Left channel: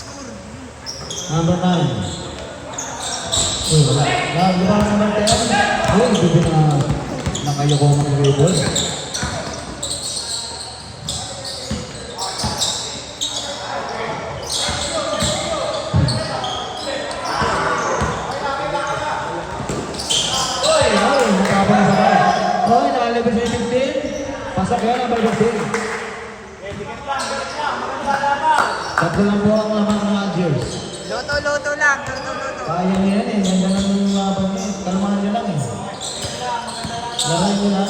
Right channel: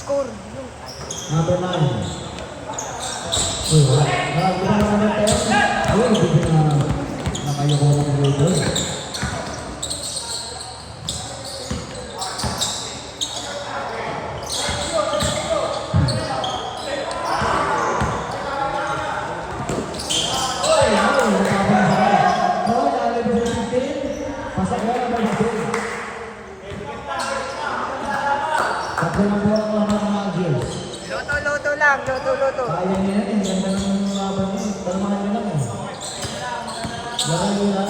score. Yung... Number 9. Wala naman tayo. Hindi na nakayoko ng label. Pasok yun, number 15. Tatlo lang po ang naman ng Algiers. Loto lang, loto. Kaya niya yan eh. Ganda lang yung mga pangit. Kalmahan niyo lang eh. Laman niyo lang.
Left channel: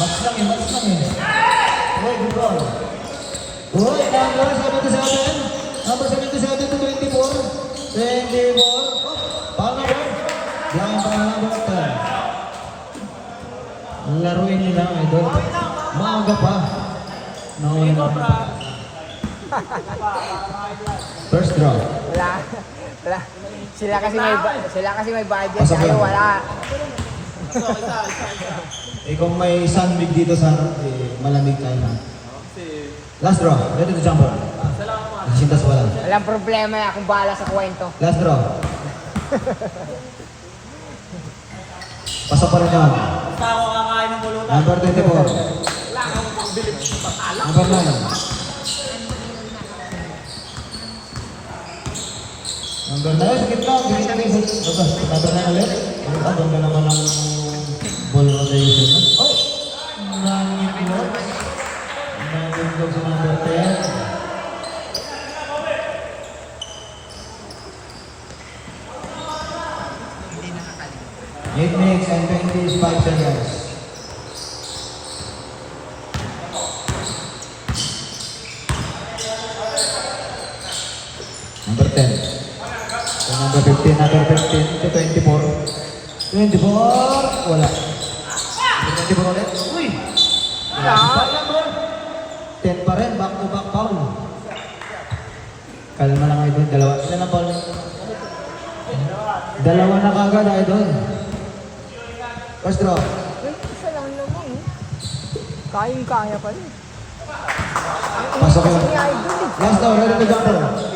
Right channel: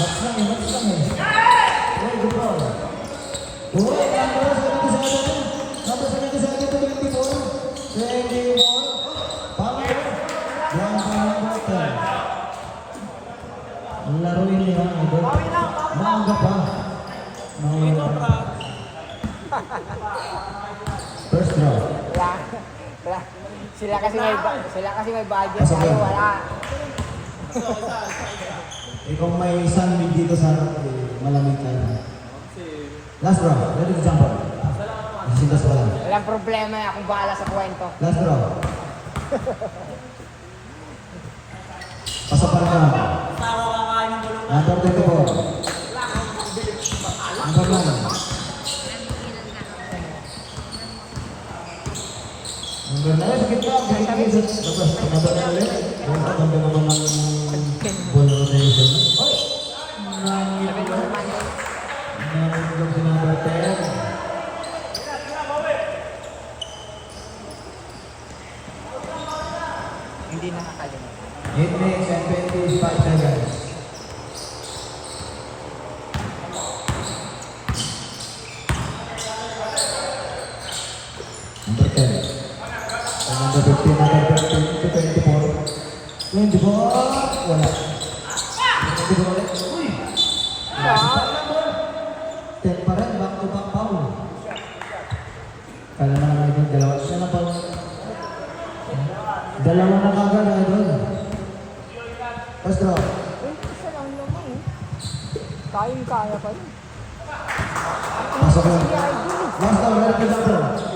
Max lang eh. Hey, good bro. Uy, number 77. Number 77 to 24. 24. Power. Blind pa number 10. Laruin nila ang idol. Maaga pa. Nauna na. First draw. Wala. Sila kasi may budget. Pasok yan. Wala. Kung may sunbid dito sa malamig tayo na. Last draw. Ready to jump on. Nasintas wala. Walang problema na kung bahala sa kwento. Last draw. Pasok pa rin yan. Number 24. Number 9. Number 9. Number 9 ulit. Ang ganda naman ng ball rotation. Hindi nakakalimutan. Get next and 25 seconds. Number 10. So number 15, number 15 to 24. 24. Wala. Number 24 ulit. Uy! Wala si foul number. 10 pa rin. Back to back foul. Kalma lang idol. Dalawa. Ilan ang foul? Dalawa na kagad idol. First draw. Kaya pa rin. Pasok yun. Last draw. Ready to jump on.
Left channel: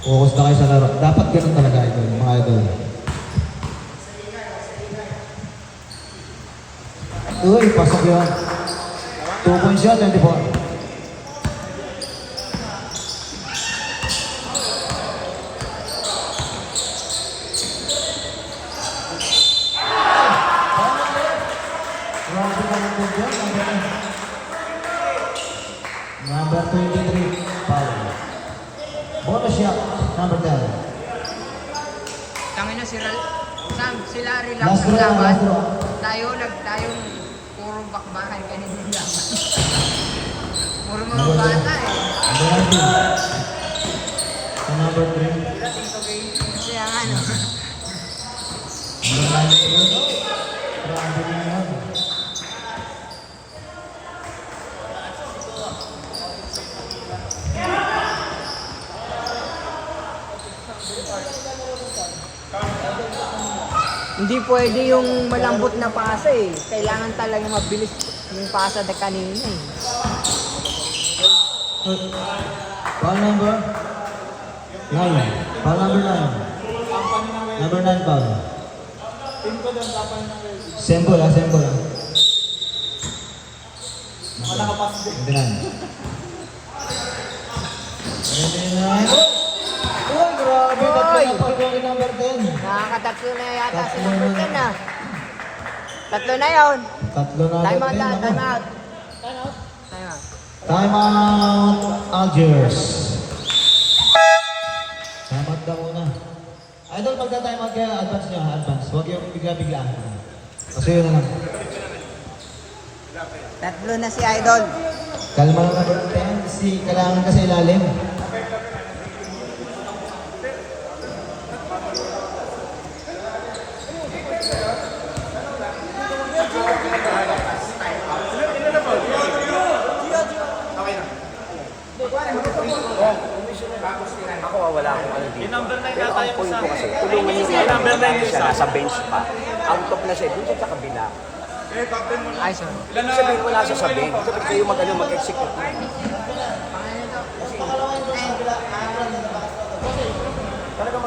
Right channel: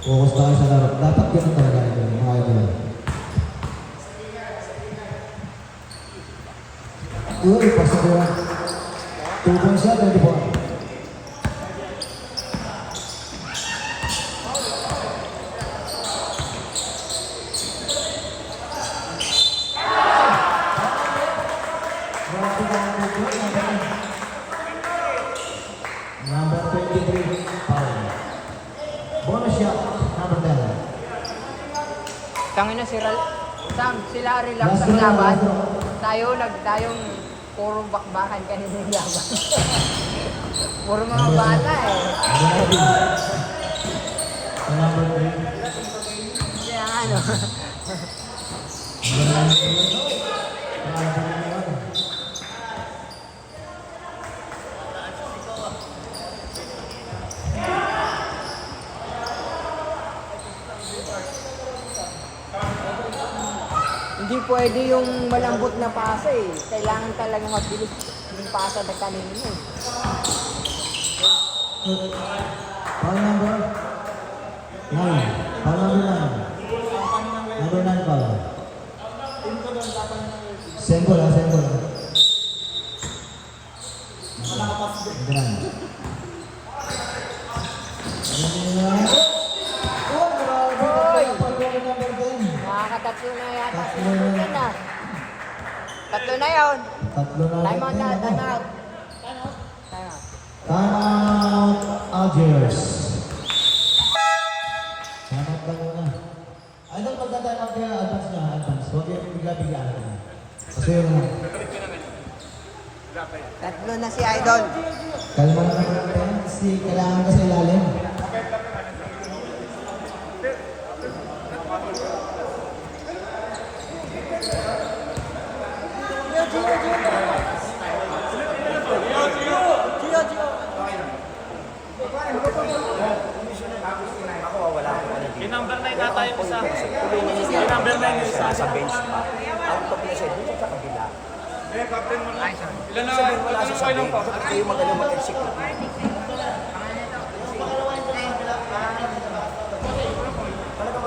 Focus na kayo sa laro. Dapat ganun talaga idol, mga idol. Uy, pasok yun. 2 points yun, 24. Number 23, foul. Bonus shot, number 10. Tangin na sila relax ang laban. Tayong puro bakbakan kanina yung laban. Puro mga bata eh. Number 3. Kaya ano. Hindi pwede yung malambot na pasa eh. Kailangan talaga mabilis yung pasa na kanina. Foul number 9. Foul number 9. Number 9 foul. Symbol ha, symbol ha. Ito na. Oh, grabe. Tatlo na foul ko yung number 10. Nakakatatlo na yan. Tatlo na. Tatlo na yun. Tatlo na agad din. Time Ako. out. Time out, Algiers. Time out daw muna. Idol, magta-time out kaya advance niya, advance. Huwag yung bigla-biglaan. Kasi yun lang. Tatlo na si Idol. Kalma lang na si kailangan kasi ilalim. Yung number 9 na tayo isa. Yung number 9 yung isa. Sa bench pa. Out of na siya, dito sa kabila. Ay, sorry. Ilan na wala sa sabi? At kayo magaling mag-execute.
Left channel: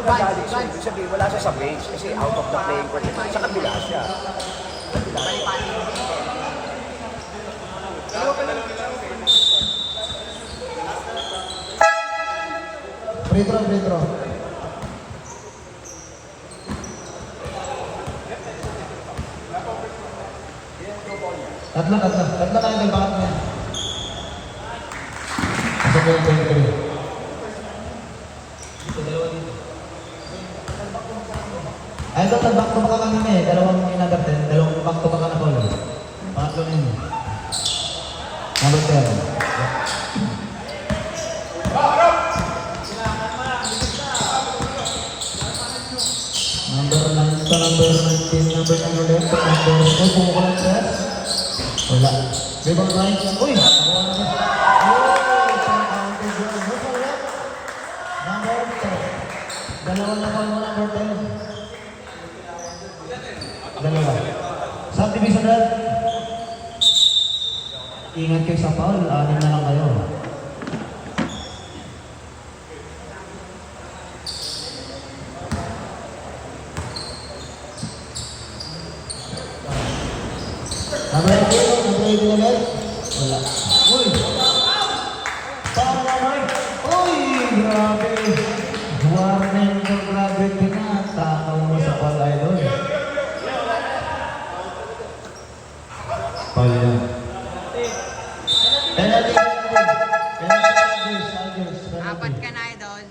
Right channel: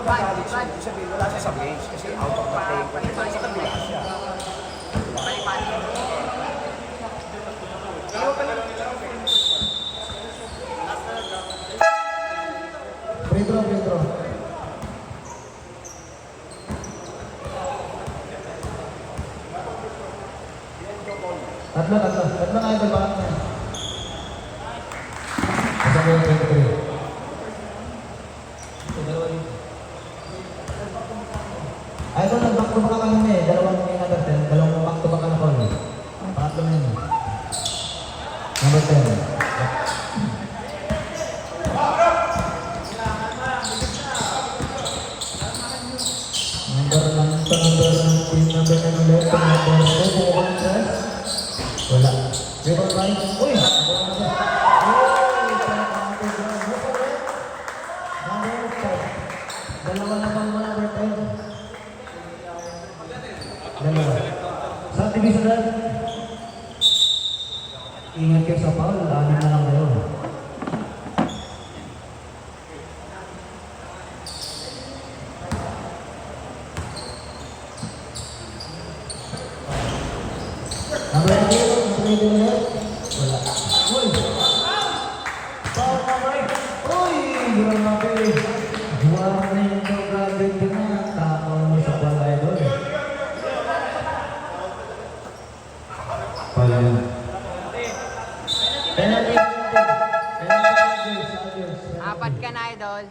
Vibes. Sabi, wala siya sa bench kasi out of the playing court. Sa kabila siya. Free throw, free throw. Tatlo na idol, bakit na? Isang lang, 23. Ay, ito, back to back ang niya eh. Dalawang number 10, dalawang back to back na call. Pangatlo ninyo. Number 10. Number 9, number 11, wala. Number 9, uy! Dalawa naman mo number 10. Dalawa. Sa divisional, ingat kayo sa foul, ano na lang kayo. Number 8, wala. Uy! Uy! Grabe! Warning ko, grabe tinatama mo sa palay doon. Pala. Apat ka na, idol.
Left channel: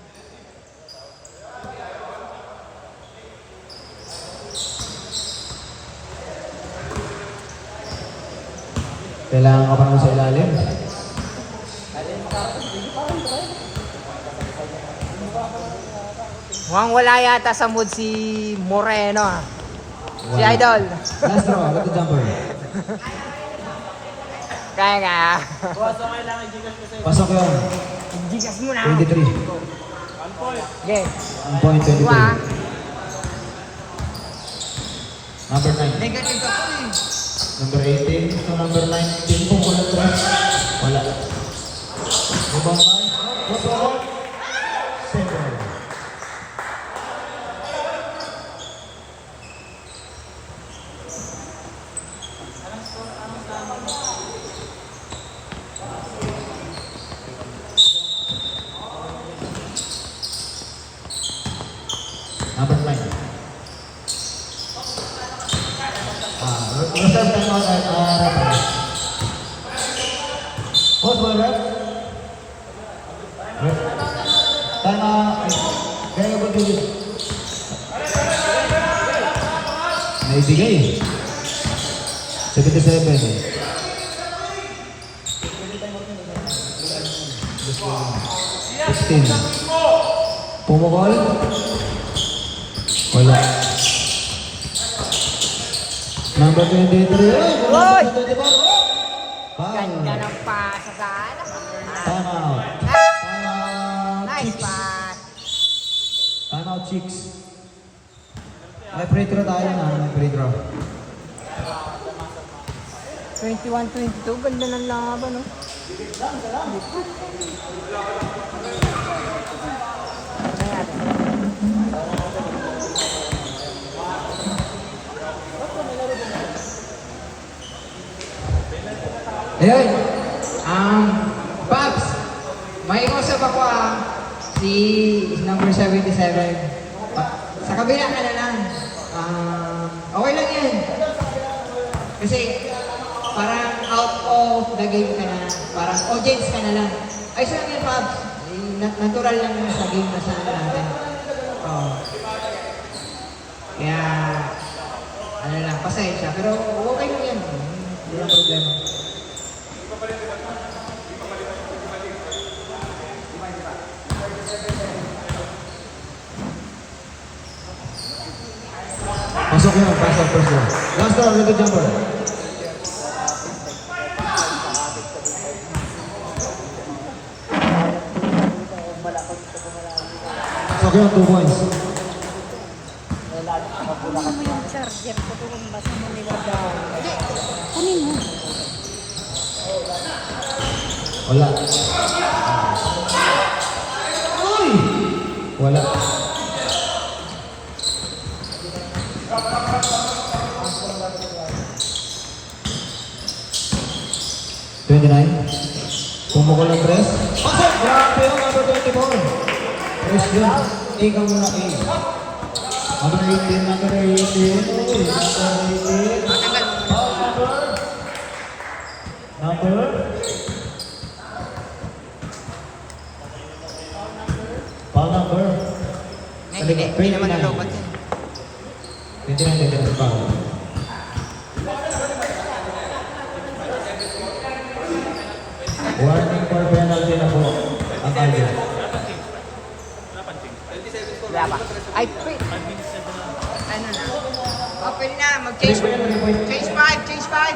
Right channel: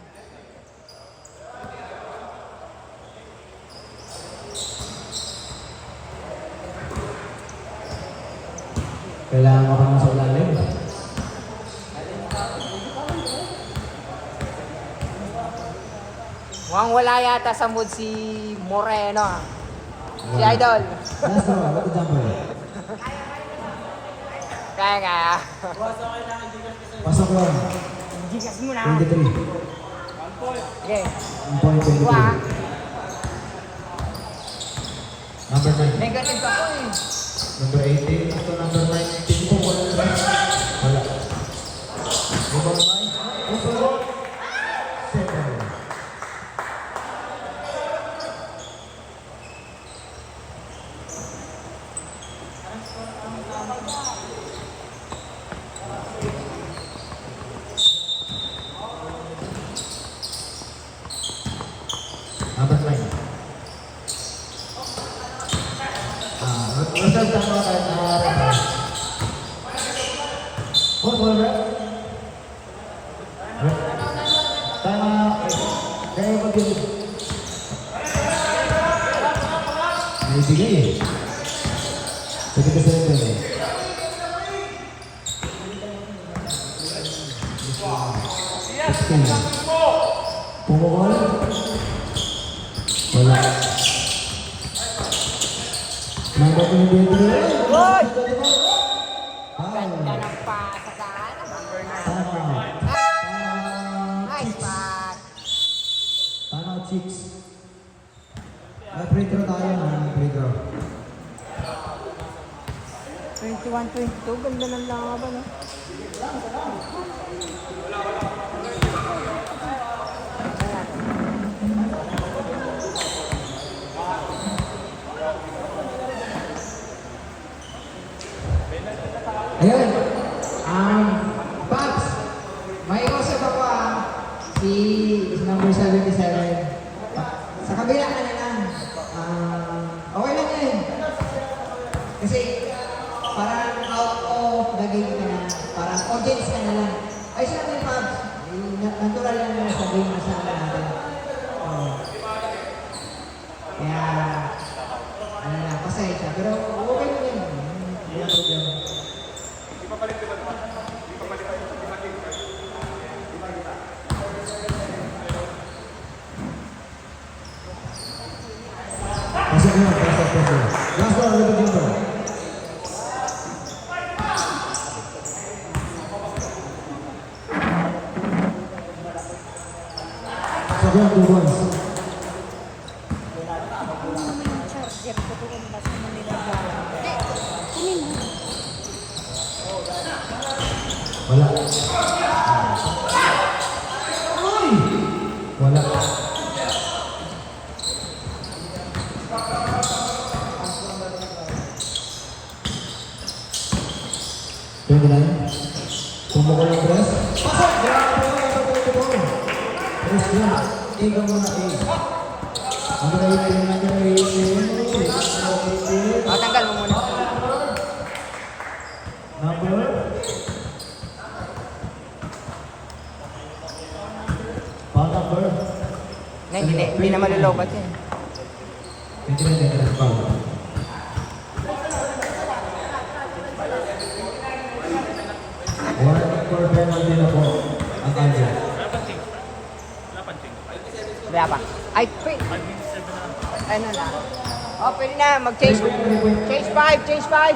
Kailangan ka pa mo sa ilalim. Mukhang wala yata sa mood si Moreno. Si idol. Last throw, agad the jumper. Kaya nga. Pasok yun. Gigas mo na. 23. Okay. 1 point, 23. Number 9. Negative ka po eh. Number 18 to number 19 po. Wala. Number 9. Number 7. Number 9. Masal tama ka. Oh, wala. Tama. Kaya ko tuloy. Naibigay. 77. 16. Pumukol. Wala. Number 23. Ay! Foul. Ganda ng pasikan. Time out. Time out, Nice chicks. pass. Time out, chicks. May free throw tayo na. May free throw. 21-22. Ganda ng laban. Ayun. Pops, may usap ako si number 77. Sa kabila ka na lang. Okay lang yan. Kasi parang out of the game ka na. Parang audience ka na lang. Ay, saan yan, Pops? Natural lang naman sa game na sa natin. Kaya, ano lang, pasensya. Pero okay lang yan. Hindi na problema. Pasok na. Pasok, pasok. Last throw, ready jumper. Pasok yun, 2 points. 29. Pumukol ng press. Pasok! Grabe ang number 24. Press yun. Ikaw muna A. Number 18, number 18. Number? Pal number? Hindi naman nalogat yan. Hindi na ganyan ang pal. Wala nang purple na rin ako. Ang alga. Wala pang change. Ay, wait. 5 minutes 7 na lang. Ano na? Open na. Mag-change. Change 5. Change 5.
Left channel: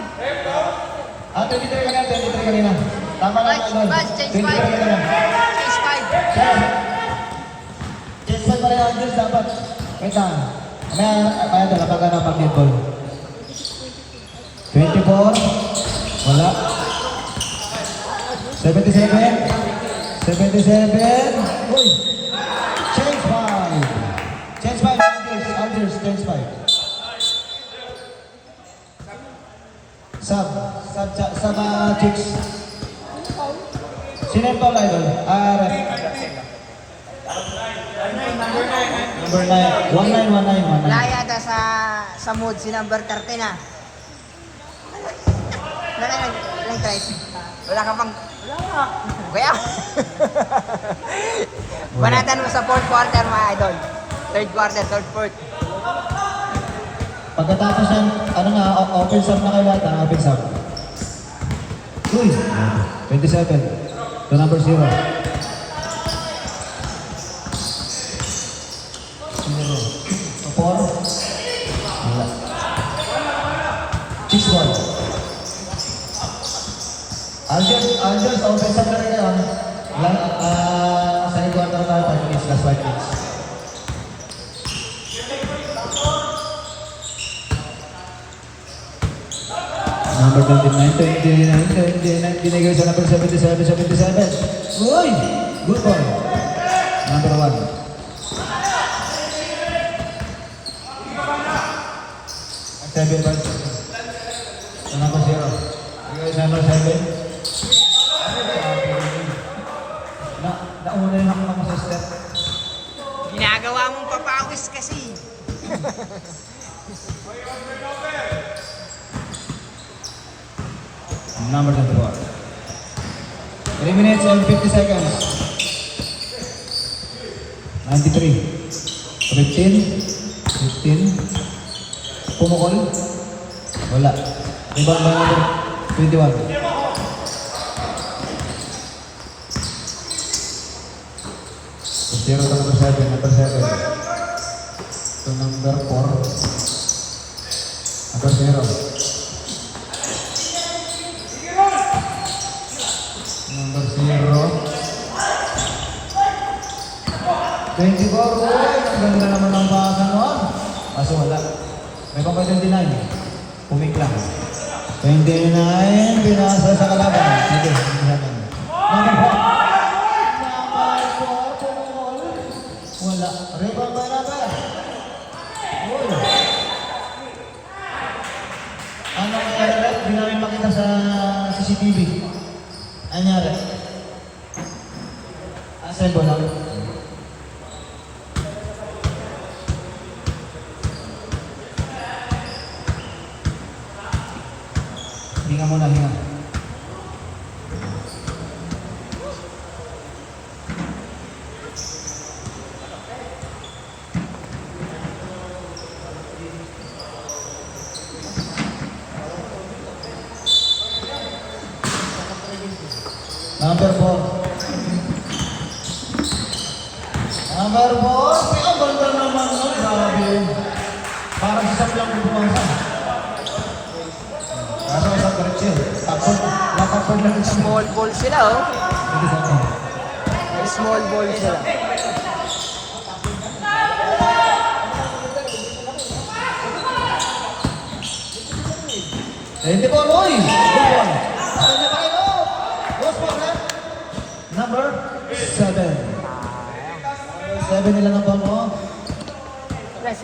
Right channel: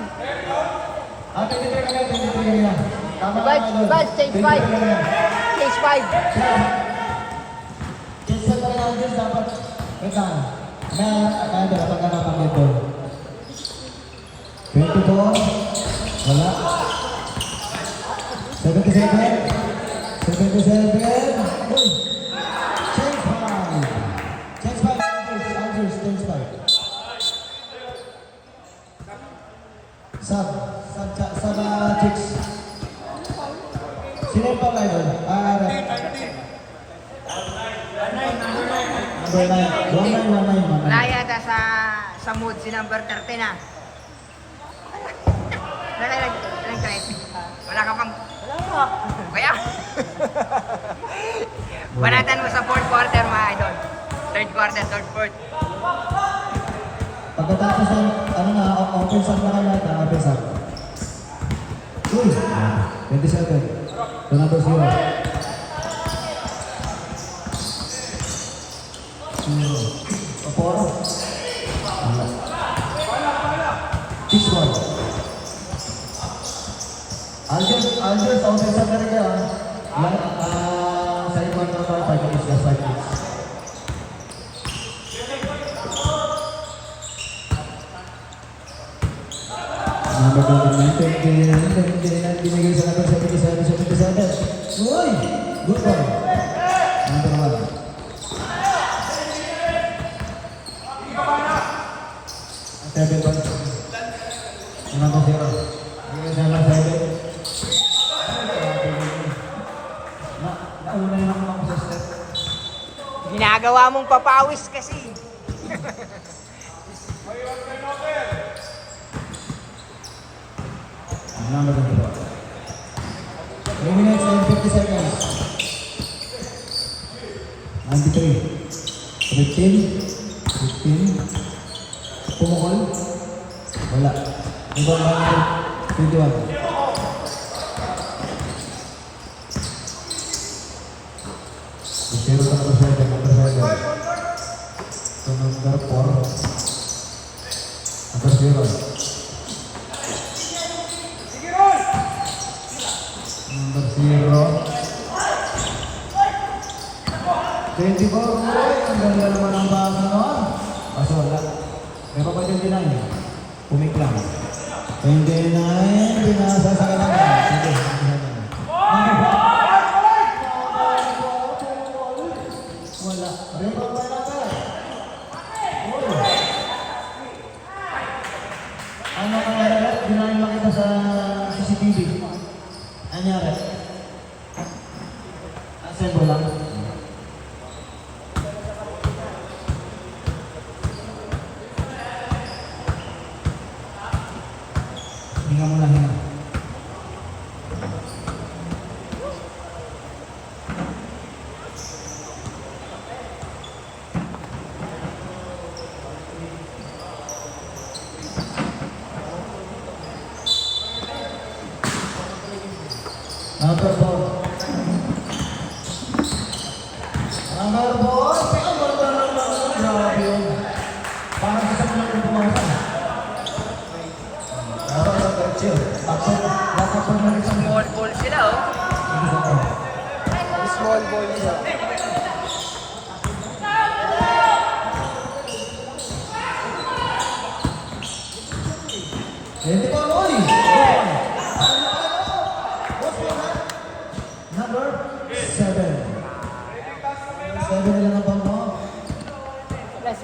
Ah, 23 ka na, 23 ka na. Tama ka, ano? Bas, change 5. 23 ka na. Change 5. Just pa tayo ang Diyos dapat. Wait lang. Kaya doon, kapag ano pang dito. 24. Wala. 77. 77. Uy! Change 5. Change 5. Alders, change 5. Sub chicks. Sino yung Paul Idol? Ref. Number 9. 1919. Wala yata sa mood si number 30 na. Nang 3. Wala ka pang... Kaya? Banatan mo sa 4th quarter mga idol. 3rd quarter, 3rd, 4th. Pagkatapos yan, ano nga, open sub na kayo lahat, open sub. Uy! 27. To number 0. Opor. Cheese ball. Andres, open sub na rin yan. Side one na 5 minutes, last 5 minutes. Number 29, binigay sa number 77. Uy! Good boy. Number 1. Number 0. Binigay sa number 7. Nauna yun ako ng sister. Ginagawa mong papawis kasi. Number 24. 3 minutes and 50 seconds. 93. 15. Pumukol. Wala. Ibang number 21. Zero number 7. Number 7. To number 4. Number 0. Number 0. 24. Ang ganda naman ang baka noon. Kaso wala. May pa 29. Pumiklang. 29. Binasa sa kalaban. Sige. Number 4. Wala. Rebound ba natin? Ano nangyari? Hindi namin makita sa CCTV. Ano nangyari? Asan ba lang? Hinga muna, hinga. Number 4. Number 4. Ang ganda naman. Grabe. Parang sa saklang kung pumunta. Ako sa Torchil. Ako. Nasa po na rin siya. Small ball sila oh. Hindi sa ako. Small ball sila. Hindi po, Roy! Good one. Ano na tayo? Boss po na? Number 7. Number 7 nila ng bango.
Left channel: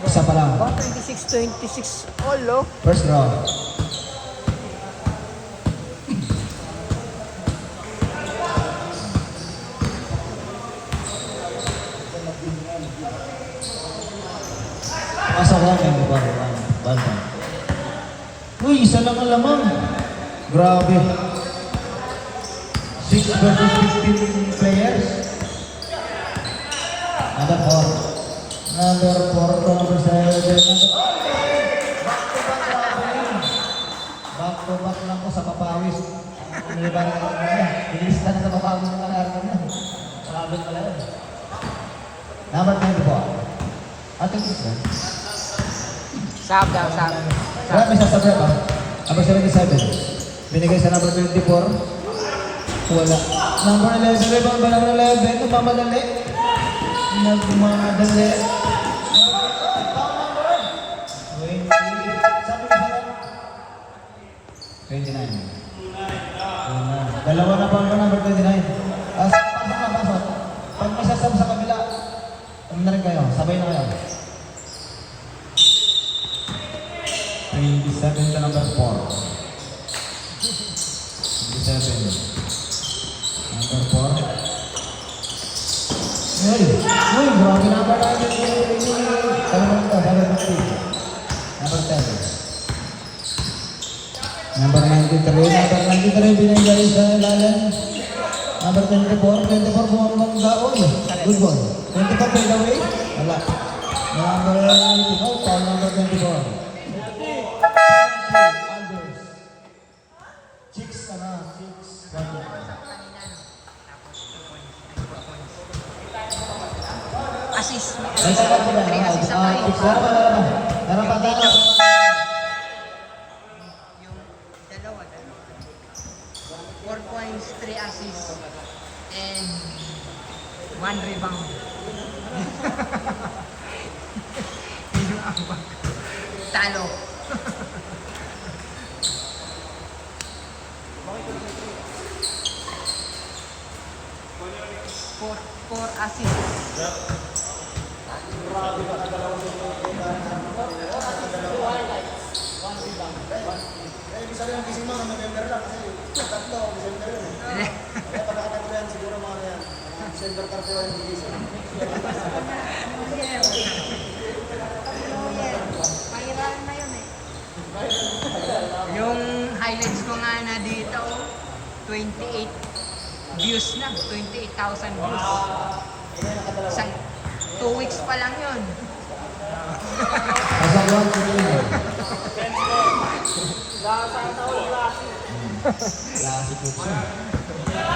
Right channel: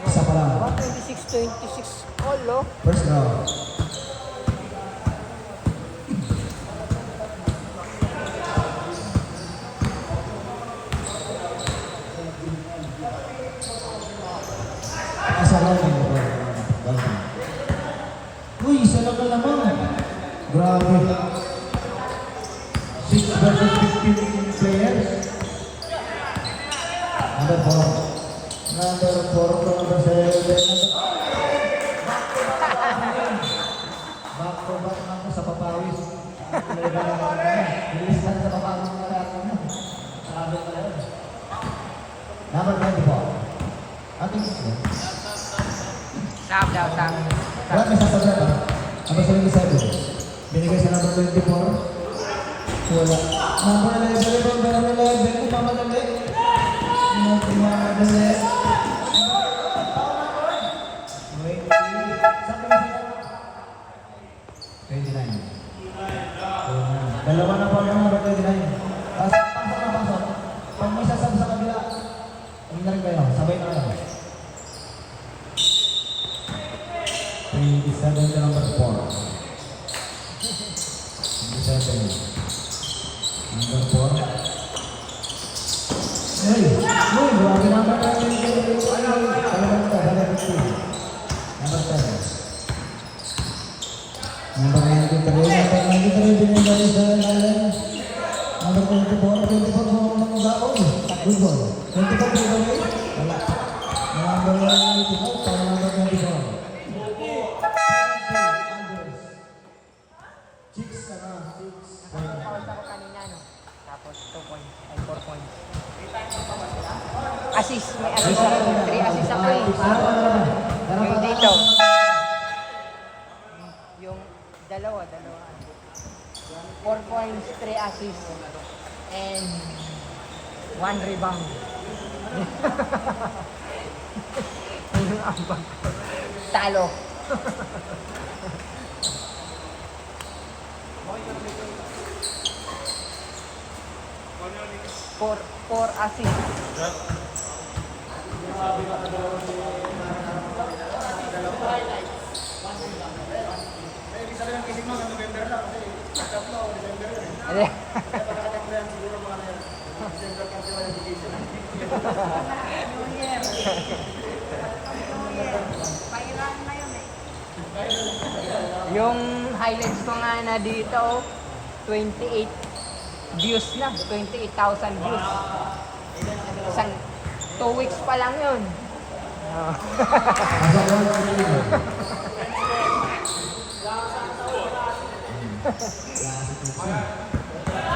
Isa pa lang. 26-26 ball oh. First round. Grabe. 6 versus 15 players. Number 4. Number 4. Number 7. Back to back lang po sa papawis. Inistan sa papawis na natin. Sabi ko yan. Number 24. Ating ito. Sabi. Kaya may sasabihin ba? Number 77. Binigay sa number 24. Wala. Number 11. Rebound ba number 11? Mamadali. Mamadali. 29. Dalawa na pang number 29. Pasok. Pag masasama sa kabila, ano na rin kayo? Sabay mo lang. 27 na number 4. 27. Number 4. Hey! Wala na number 7. Number 93 binigay sa ilalim. Number 24 bumabang baon. Good ball. 24 take away. Wala. Number 85, foul number 24. Tapos 2 points, ay 4 points. Assist. Assist Assist ang kayo pa. Dito. Yung dalawa. 4 points, 3 assists, and 1 rebound. Yun ang ambag ko. Talo. Four assists. Yung highlights ko nga na dito, 28 views na, 28,000 views. Isang 2 weeks pa lang yun.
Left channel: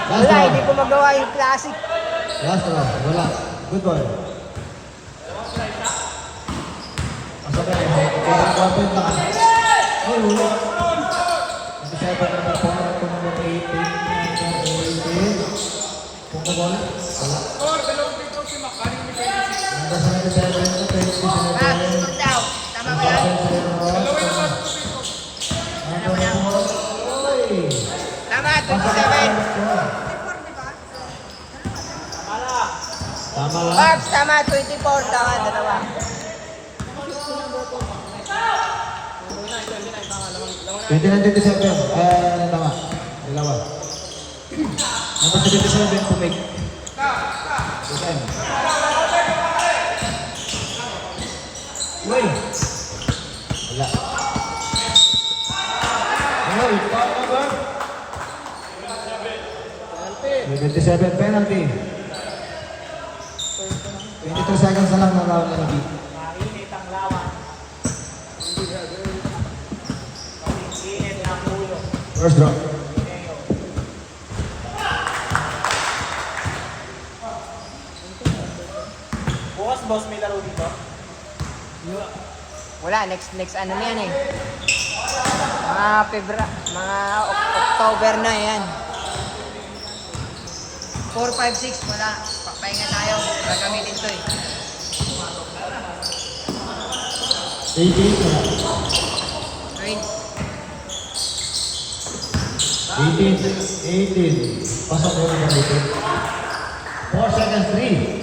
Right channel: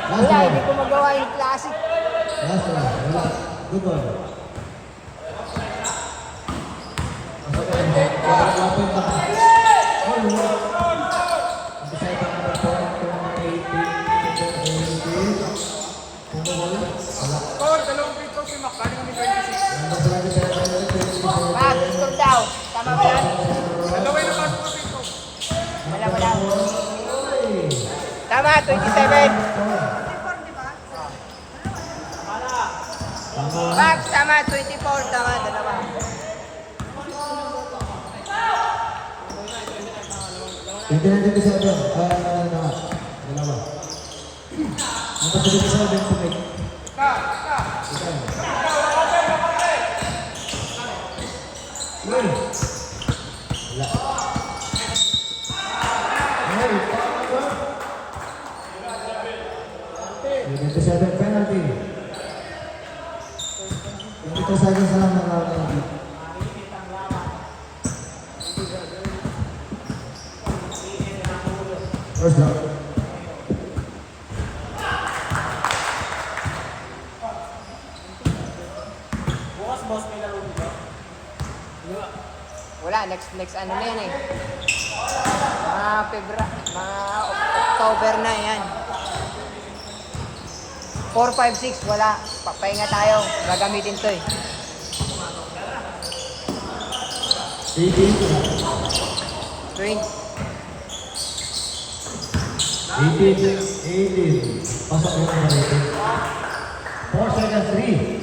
Last Wala, round. hindi ko magawa yung classic. Last round. Relax. Good boy. Score, 2 free throws si Mac. Galing kami 26. Slow down. Tama ba yan? Dalawa yung napasok sa free throws. Wala. Tama, 27. 24, di ba? Tama lang. Max, tama, 24. Tama. 29-27. Tama. Dalawa. Number 27 to make. Ikan. Wala. Hey, paano ba? 27 penalty. 22 seconds na lang na lawan ng beat. First drop. Bukas, boss, may laro dito. Wala, next ano yan eh. Mga October na yan. 4, 5, 6, wala. Papahinga tayo. Nagamitin ko eh. 18. 18. Pasok mo na rin. 4 seconds 3.